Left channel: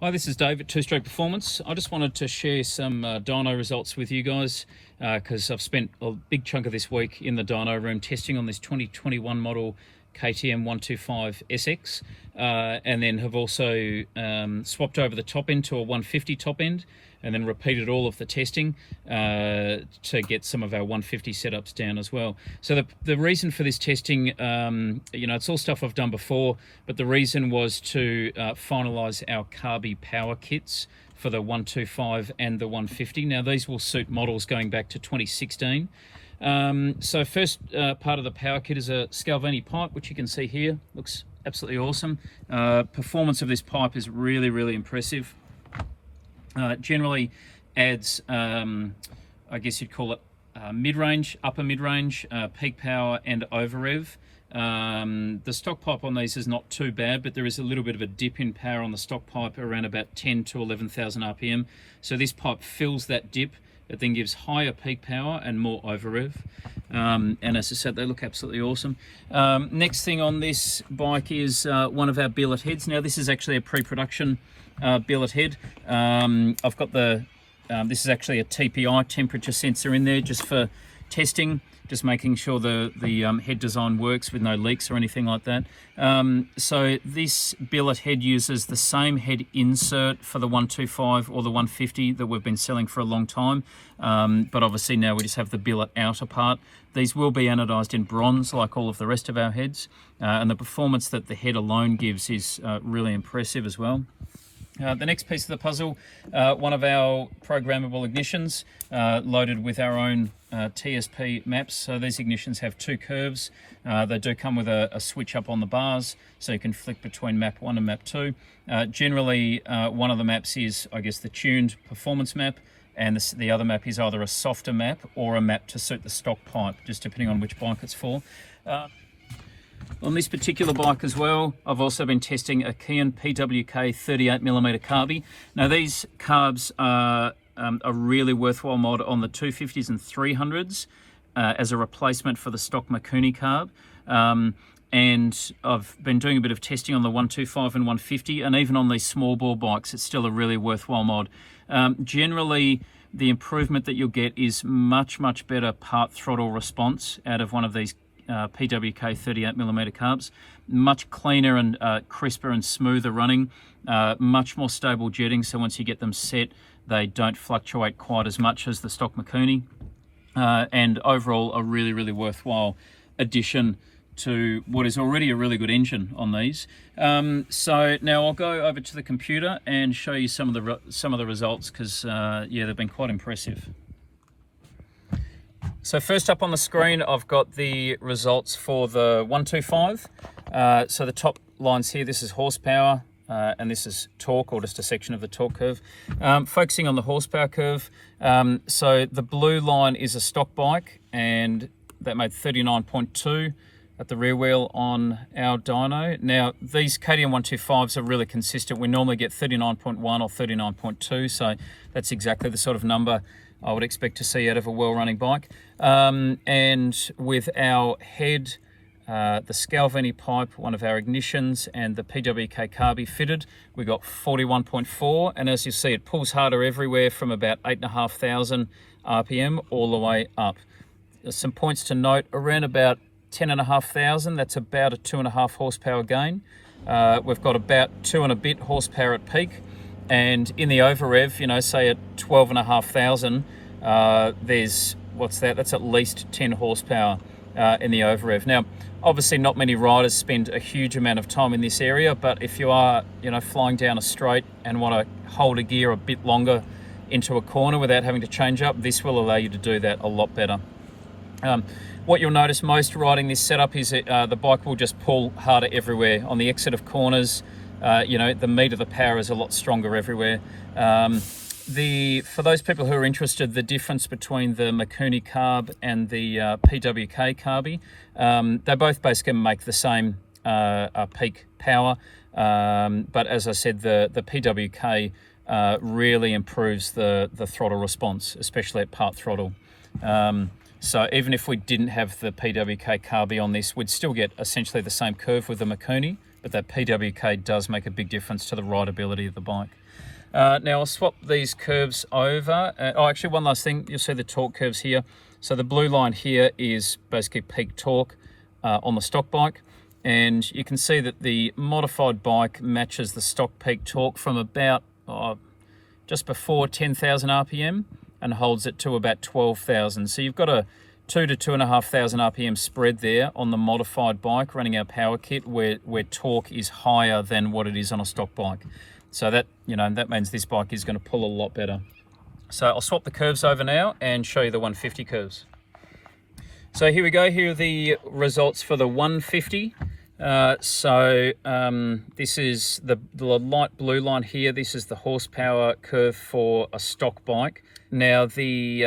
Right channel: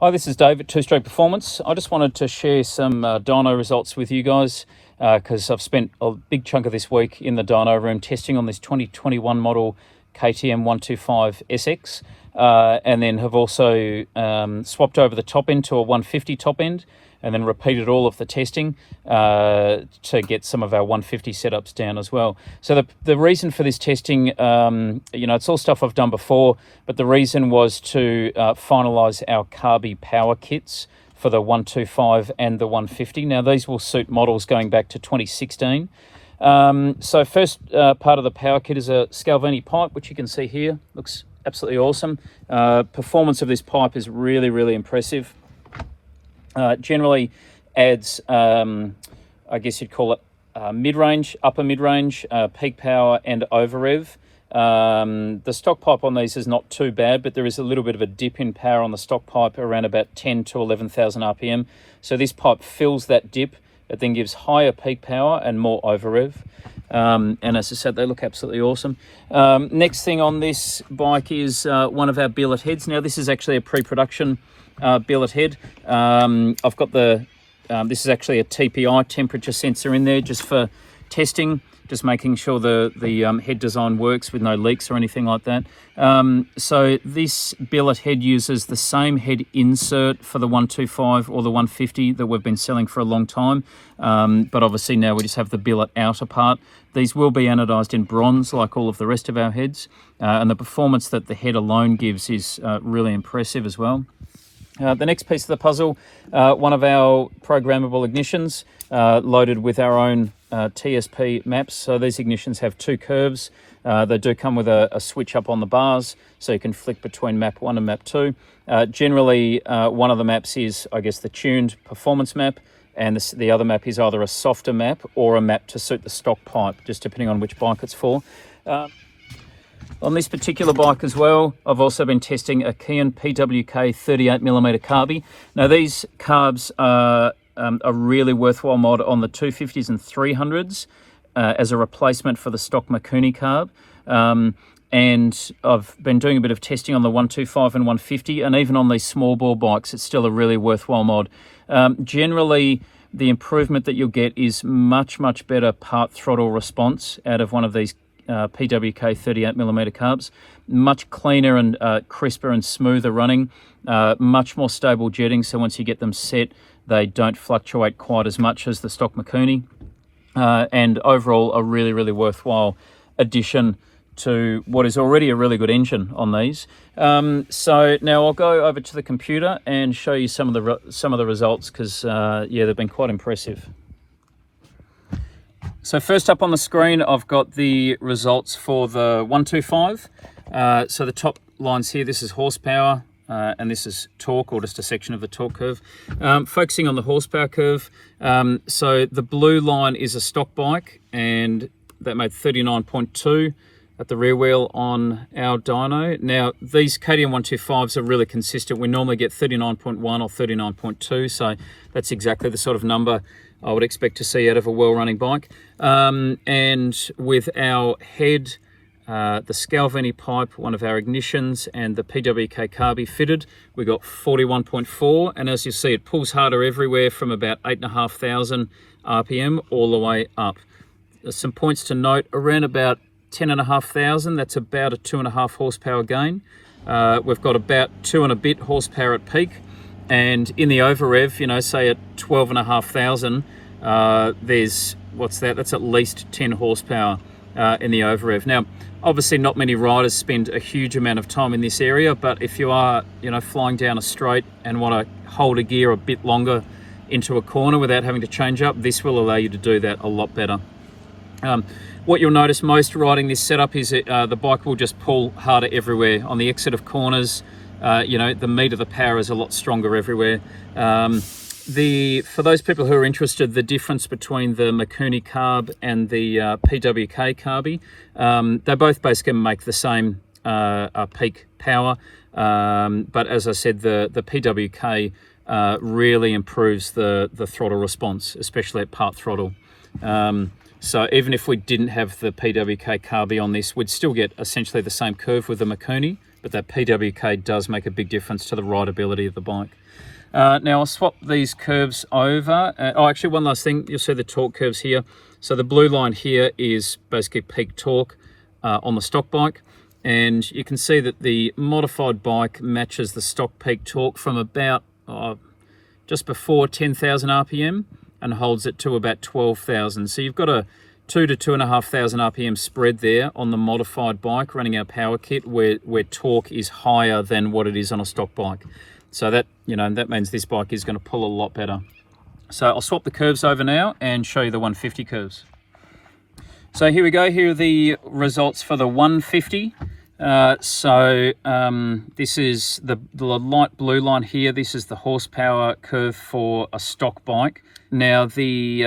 Hi, this is Dave at Two Stroke Performance. I just wanted to share some dyno results with you guys because I've spent a big chunk of this week in the dyno room testing on this 2021 model KTM125SX and then have also swapped over the top end to a 150 top end and then repeated all of the testing to get some of our 150 setups down as well. So the reason for this testing, it's all stuff I've done before, but the reason was to finalize our carby power kits for the 125 and the 150. Now these will suit models going back to 2016. So first part of the power kit is a Scalvini pipe, which you can see here. Looks absolutely awesome. Performance of this pipe is really, really impressive. Generally adds, I guess you'd call it mid-range, upper mid-range, peak power and over rev. The stock pipe on these is not too bad, but there is a little bit of a dip in power on the stock pipe around about 10 to 11,000 RPM. So this pipe fills that dip. It then gives higher peak power and more over rev. And as I said, they look absolutely awesome. Next thing on this bike is one of our billet heads. Now this is actually a pre-production billet head. I've got this is actually a TPI temperature sensor in there just for testing, just making sure the head design works with no leaks or anything like that. So this billet head uses the same head insert for the 125 or the 150 that we've been selling for a long time, but obviously now we just have the billet outer part. These will be anodized in bronze like all of the rest of our heads, and the performance that the head alone gives is really impressive as well. The next piece of the puzzle, one of our programmable ignitions loaded with our own TSP maps. So these ignitions have two curves. They do come with a switch up on the bars, so you can flick between map 1 and map 2. Generally, one of the maps is, I guess, the tuned performance map, and the other map is either a softer map or a map to suit the stock pipe, just depending on which bike it's for. On this particular bike as well, I've also been testing a Keihin PWK 38mm carby. Now these carbs are a really worthwhile mod on the 250s and 300s as a replacement for the stock Mikuni carb. And I've been doing a bit of testing on the 125 and 150, and even on these small bore bikes, it's still a really worthwhile mod. Generally, the improvement that you'll get is much, much better part throttle response out of one of these PWK 38mm carbs. Much cleaner and crisper and smoother running, much more stable jetting, so once you get them set, they don't fluctuate quite as much as the stock Mikuni. And overall, a really, really worthwhile addition to what is already a really good engine on these. So now I'll go over to the computer and show you some of the results, because yeah, they've been quite impressive. So first up on the screen, I've got the results for the 125. So the top lines here, this is horsepower, and this is torque, or just a section of the torque curve. Focusing on the horsepower curve, so the blue line is a stock bike, and that made 39.2 at the rear wheel on our dyno. Now these KTM125s are really consistent. We normally get 39.1 or 39.2, so that's exactly the sort of number I would expect to see out of a well-running bike. And with our head, the Scalvini pipe, one of our ignitions, and the PWK carby fitted, we got 41.4, and as you see, it pulls harder everywhere from about 8,500 RPM all the way up. There's some points to note: around about 10,500, that's about a 2.5 horsepower gain. We've got about 2 and a bit horsepower at peak. And in the over rev, say at 12,500, there's, what's that? That's at least 10 horsepower in the over rev. Now, obviously not many riders spend a huge amount of time in this area, but if you are, flying down a straight and want to hold a gear a bit longer into a corner without having to change up, this will allow you to do that a lot better. What you'll notice most riding this setup is that the bike will just pull harder everywhere. On the exit of corners, the meat of the power is a lot stronger everywhere. For those people who are interested, the difference between the Mikuni carb and the PWK carby, they both basically make the same peak power, but as I said, the PWK really improves the throttle response, especially at part throttle. So even if we didn't have the PWK carby on this, we'd still get essentially the same curve with the Mikuni, but but that PWK does make a big difference to the rideability of the bike. Now I'll swap these curves over. Actually, one last thing, you'll see the torque curves here. So the blue line here is basically peak torque on the stock bike, and you can see that the modified bike matches the stock peak torque from about just before 10,000 RPM and holds it to about 12,000. So you've got a 2,000 to 2,500 RPM spread there on the modified bike running our power kit, where torque is higher than what it is on a stock bike. So that, that means this bike is going to pull a lot better. So I'll swap the curves over now and show you the 150 curves. So here we go. Here are the results for the 150. This is the light blue line here. This is the horsepower curve for a stock bike. Now the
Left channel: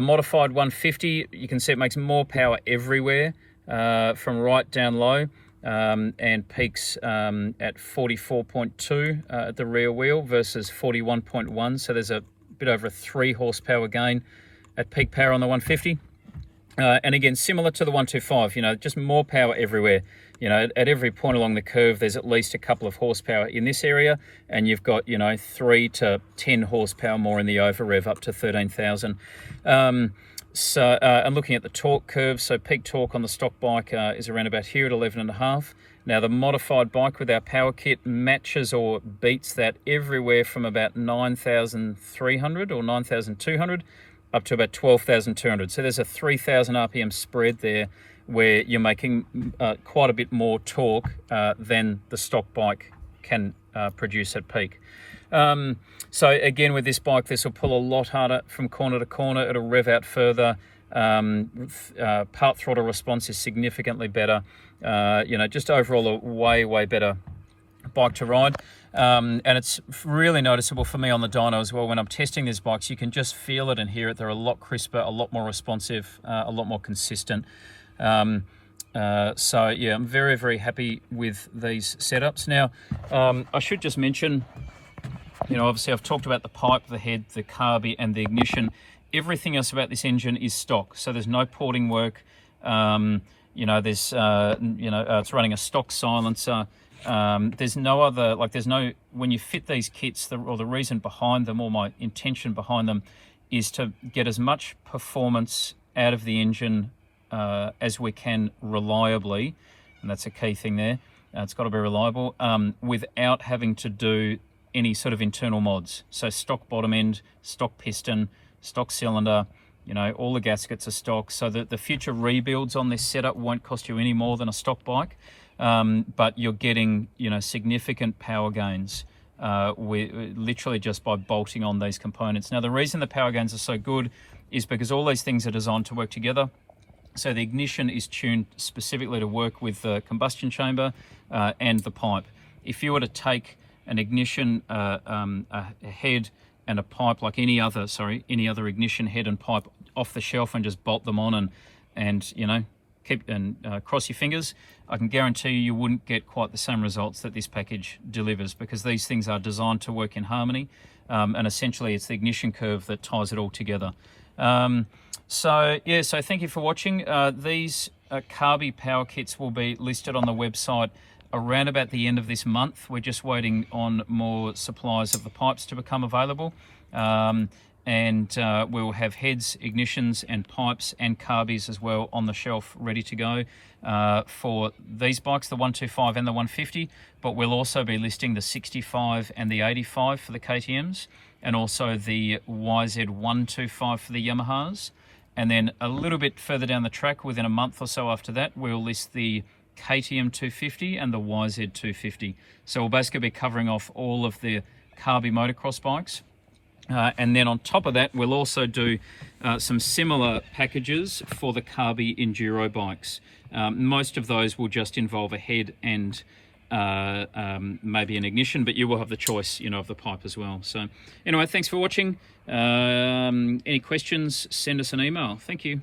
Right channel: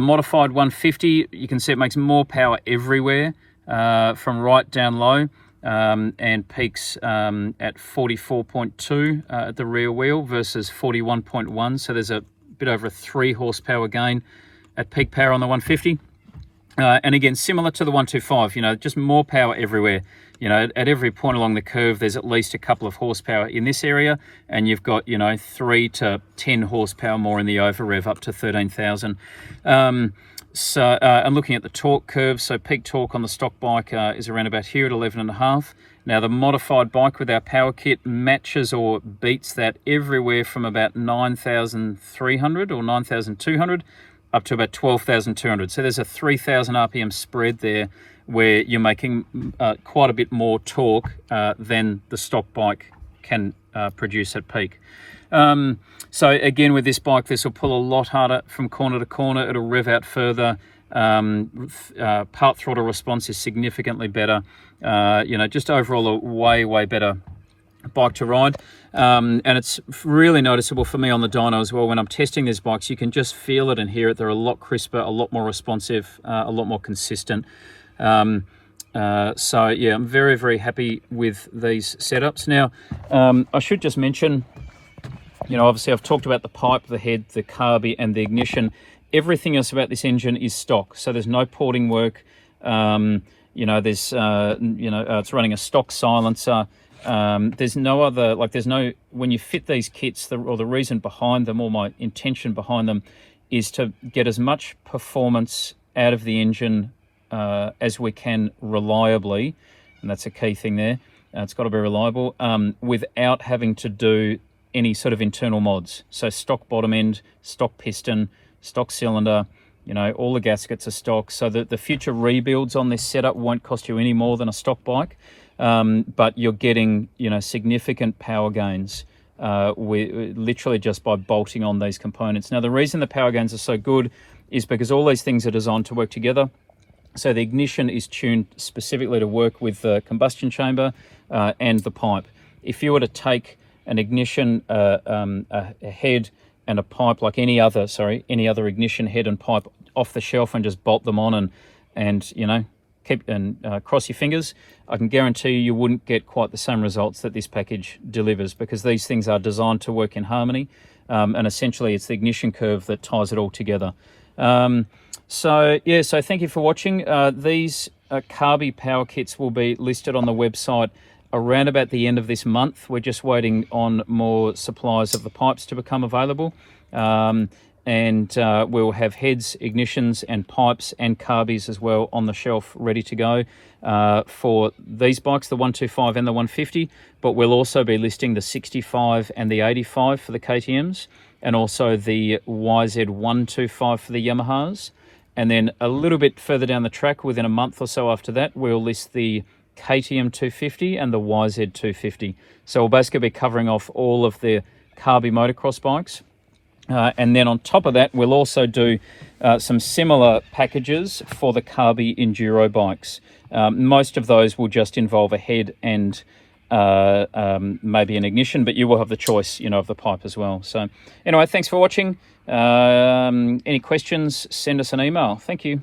modified 150, you can see it makes more power everywhere from right down low. And peaks at 44.2 at the rear wheel versus 41.1. So there's a bit over a 3 horsepower gain at peak power on the 150. And again, similar to the 125, just more power everywhere. At every point along the curve, there's at least a couple of horsepower in this area, and you've got, 3 to 10 horsepower more in the over rev up to 13,000. And looking at the torque curve, so peak torque on the stock bike is around about here at 11.5. Now the modified bike with our power kit matches or beats that everywhere from about 9,300 or 9,200 up to about 12,200. So there's a 3,000 RPM spread there where you're making quite a bit more torque than the stock bike can produce at peak. So again, with this bike, this will pull a lot harder from corner to corner. It'll rev out further. Part throttle response is significantly better. Just overall a way better bike to ride. And it's really noticeable for me on the dyno as well. When I'm testing these bikes, you can just feel it and hear it. They're a lot crisper, a lot more responsive, a lot more consistent. So yeah, I'm very happy with these setups. Now, I should just mention, obviously I've talked about the pipe, the head, the carby, and the ignition. Everything else about this engine is stock, so there's no porting work. It's running a stock silencer. There's no other, when you fit these kits, the reason behind them, or my intention behind them, is to get as much performance out of the engine as we can reliably, and that's a key thing there. It's got to be reliable without having to do any sort of internal mods. So stock bottom end, stock piston, stock cylinder, all the gaskets are stock. So the future rebuilds on this setup won't cost you any more than a stock bike, but you're getting, significant power gains literally just by bolting on these components. Now, the reason the power gains are so good is because all these things are designed to work together. So the ignition is tuned specifically to work with the combustion chamber and the pipe. If you were to take an ignition, a head and a pipe, like any other ignition head and pipe off the shelf, and just bolt them on and cross your fingers, I can guarantee you wouldn't get quite the same results that this package delivers, because these things are designed to work in harmony, and essentially it's the ignition curve that ties it all together. So thank you for watching. These carby power kits will be listed on the website around about the end of this month. We're just waiting on more supplies of the pipes to become available. We'll have heads, ignitions and pipes and carbies as well on the shelf ready to go for these bikes, the 125 and the 150, but we'll also be listing the 65 and the 85 for the KTMs, and also the YZ125 for the Yamahas. And then a little bit further down the track, within a month or so after that, we'll list the KTM125 and the YZ250. So we'll basically be covering off all of the carby motocross bikes. And then on top of that, we'll also do some similar packages for the carby enduro bikes. Most of those will just involve a head and maybe an ignition, but you will have the choice, of the pipe as well. So anyway, thanks for watching. Any questions, send us an email. Thank you.